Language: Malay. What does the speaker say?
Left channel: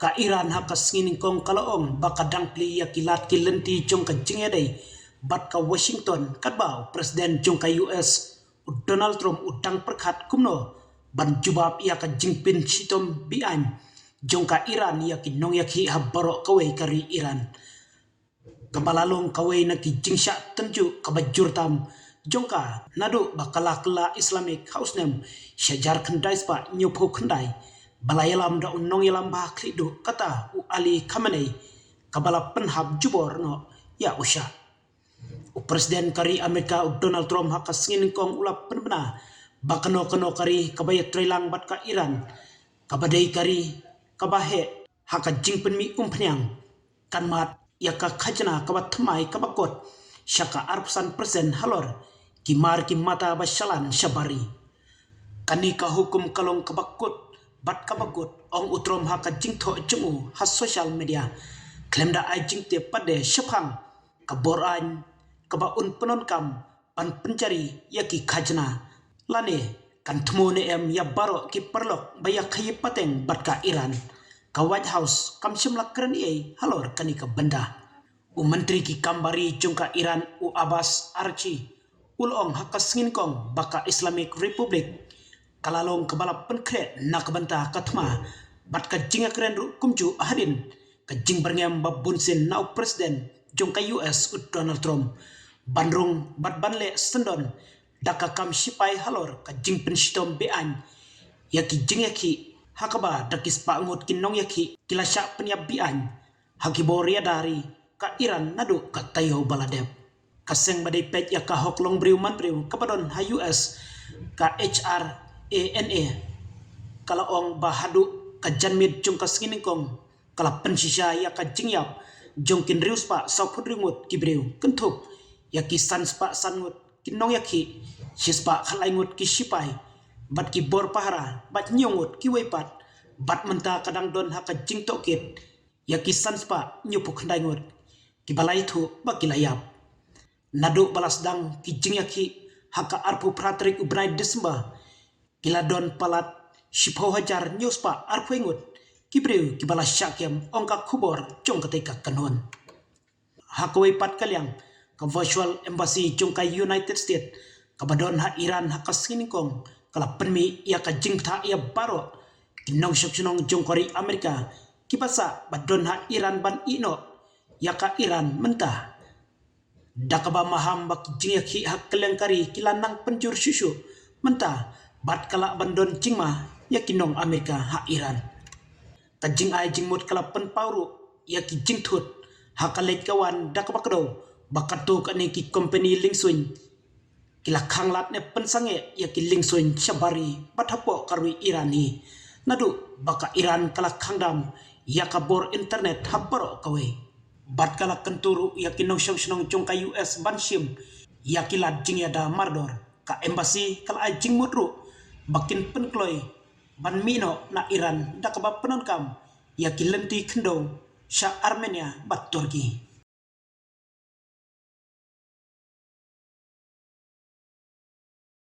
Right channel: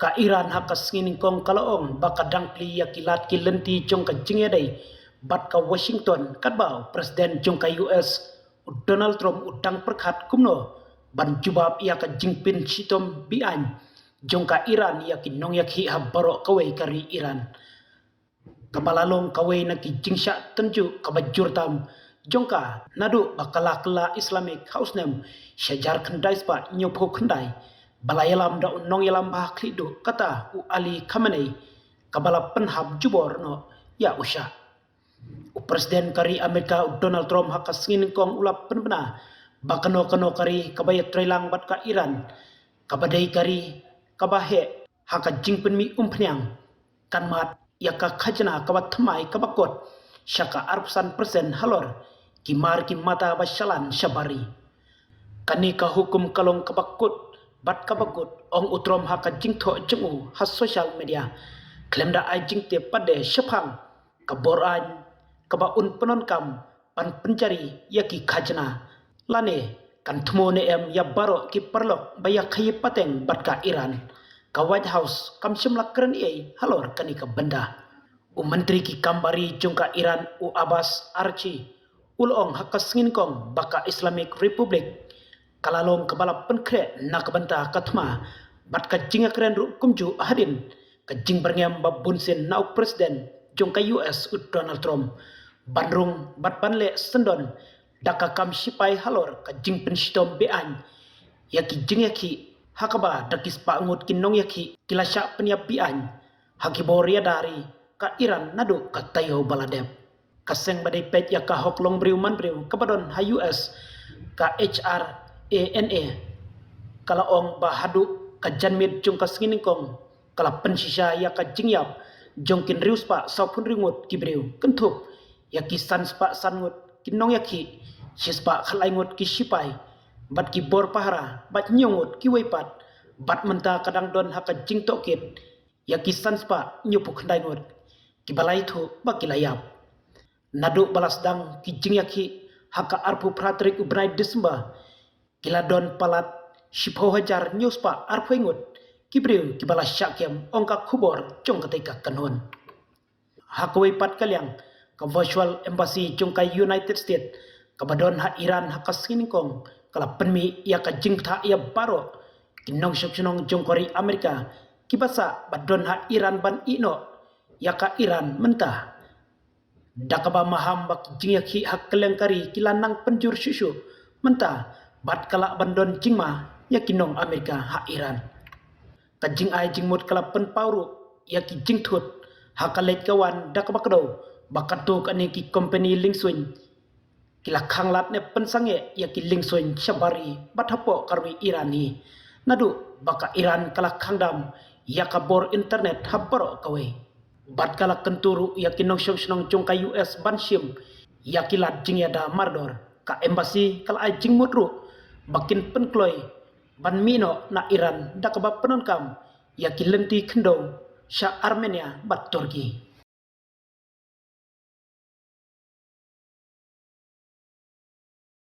ka Iran haka singin kong kalaong baka dangkli ya kilat kilenti jong ka jingedai bat ka Washington kadbao Presiden jong ka US Donald Trump udang perkat kumno ban jubab ya ka jingpin sitom bian jong ka Iran ya kinong ya ki habaro kawai kari Iran kabalalong kawai na ki jingsya tenju kabajur tam jongka nadu bakala kala Islamic House nem syajar kendai spa nyupo kendai balayalam da unong yalam bah klidu kata u Ali Khamenei kabala penhab jubor no ya usha u Presiden kari Amerika Donald Trump haka singin kong ulap penbena bakano kano kari kabaya trailang bat ka Iran kabadai kari kabahe haka jingpen mi umpnyang kan mat ya ka khajna kabat thamai kabakot syaka arpsan persen halor kimar ki mata basyalan syabari kani ka hukum kalong kabakut bat kabakut ong utrom haka jingtho jengu has social media klemda ai jingte pade syapang kaboran kabaun penonkam pan pencari yaki khajna lane kan thmone em ya baro ki perlok baya khayi pateng bat ka Iran ka White House kam simla keren ei halor kani ka benda u menteri ki kambari jungka Iran u Abbas Archi ulong hakas ngin kong baka Islamic Republic kalalong kabalap penkre nak banta katma bat ka jinga keren ru kumju ahadin ka jing berngem babun sen nau presiden jungka US u Donald Trump bandrung bat banle sendon daka kam sipai halor ka jing penshitom bean yaki jing yaki hakaba dakis pa ngut kinong yaki kilasya penyap bian hakibor ya dari ka Iran nadu ka tayo baladep kaseng badai pet ya ka hoklong briuman briu kabadon ha US ka HRANA kala ong bahadu ka janmit jung ka singingkong kala pensisya ya ka jingyap jongkin rius pa saupun ringut kibriu kentuk ya ki sans pa sangut kinong yaki sispa khalaingut ki sipai bat ki bor pahara bat nyongut ki weipat bat menta kadang don haka jingtok kit ya ki sans pa nyupuk ndaingut kibalai thu bakilayap nadu balasdang ki jingyaki haka arpu pratrik ubrai Desember kiladon palat shipho hajar nyuspa arpuingut kibriu kibala syakem ongka kubor jong ketika kanun hakawai pat kalyang ka virtual embassy jong ka United States kabadon ha Iran haka siningkong kala penmi ya ka jingta ya baro kinong syoksunong jong kori Amerika kibasa badon ha Iran ban ino ya ka Iran mentah dakaba maham bak jingyaki hak kelengkari kilanang penjur susu mentah bat kala bandon jingma ya kinong Amerika ha Iran kajing ai jingmut kala penpauru ya ki jingtut hakalet kawan dakaba kado bakatu kani ki company lingsuin kila khanglat ne pensange ya ki lingsuin syabari bathapo karwi Irani nadu baka Iran kala khangdam ya kabor internet habaro kawe bat kala kenturu ya kinong syong jong ka US banshim ya kilat jingyada mardor ka embassy kala ai jingmutru bakin penkloy ban mino na Iran dakaba penonkam ya kilenti kendo sya Armenia bat Turki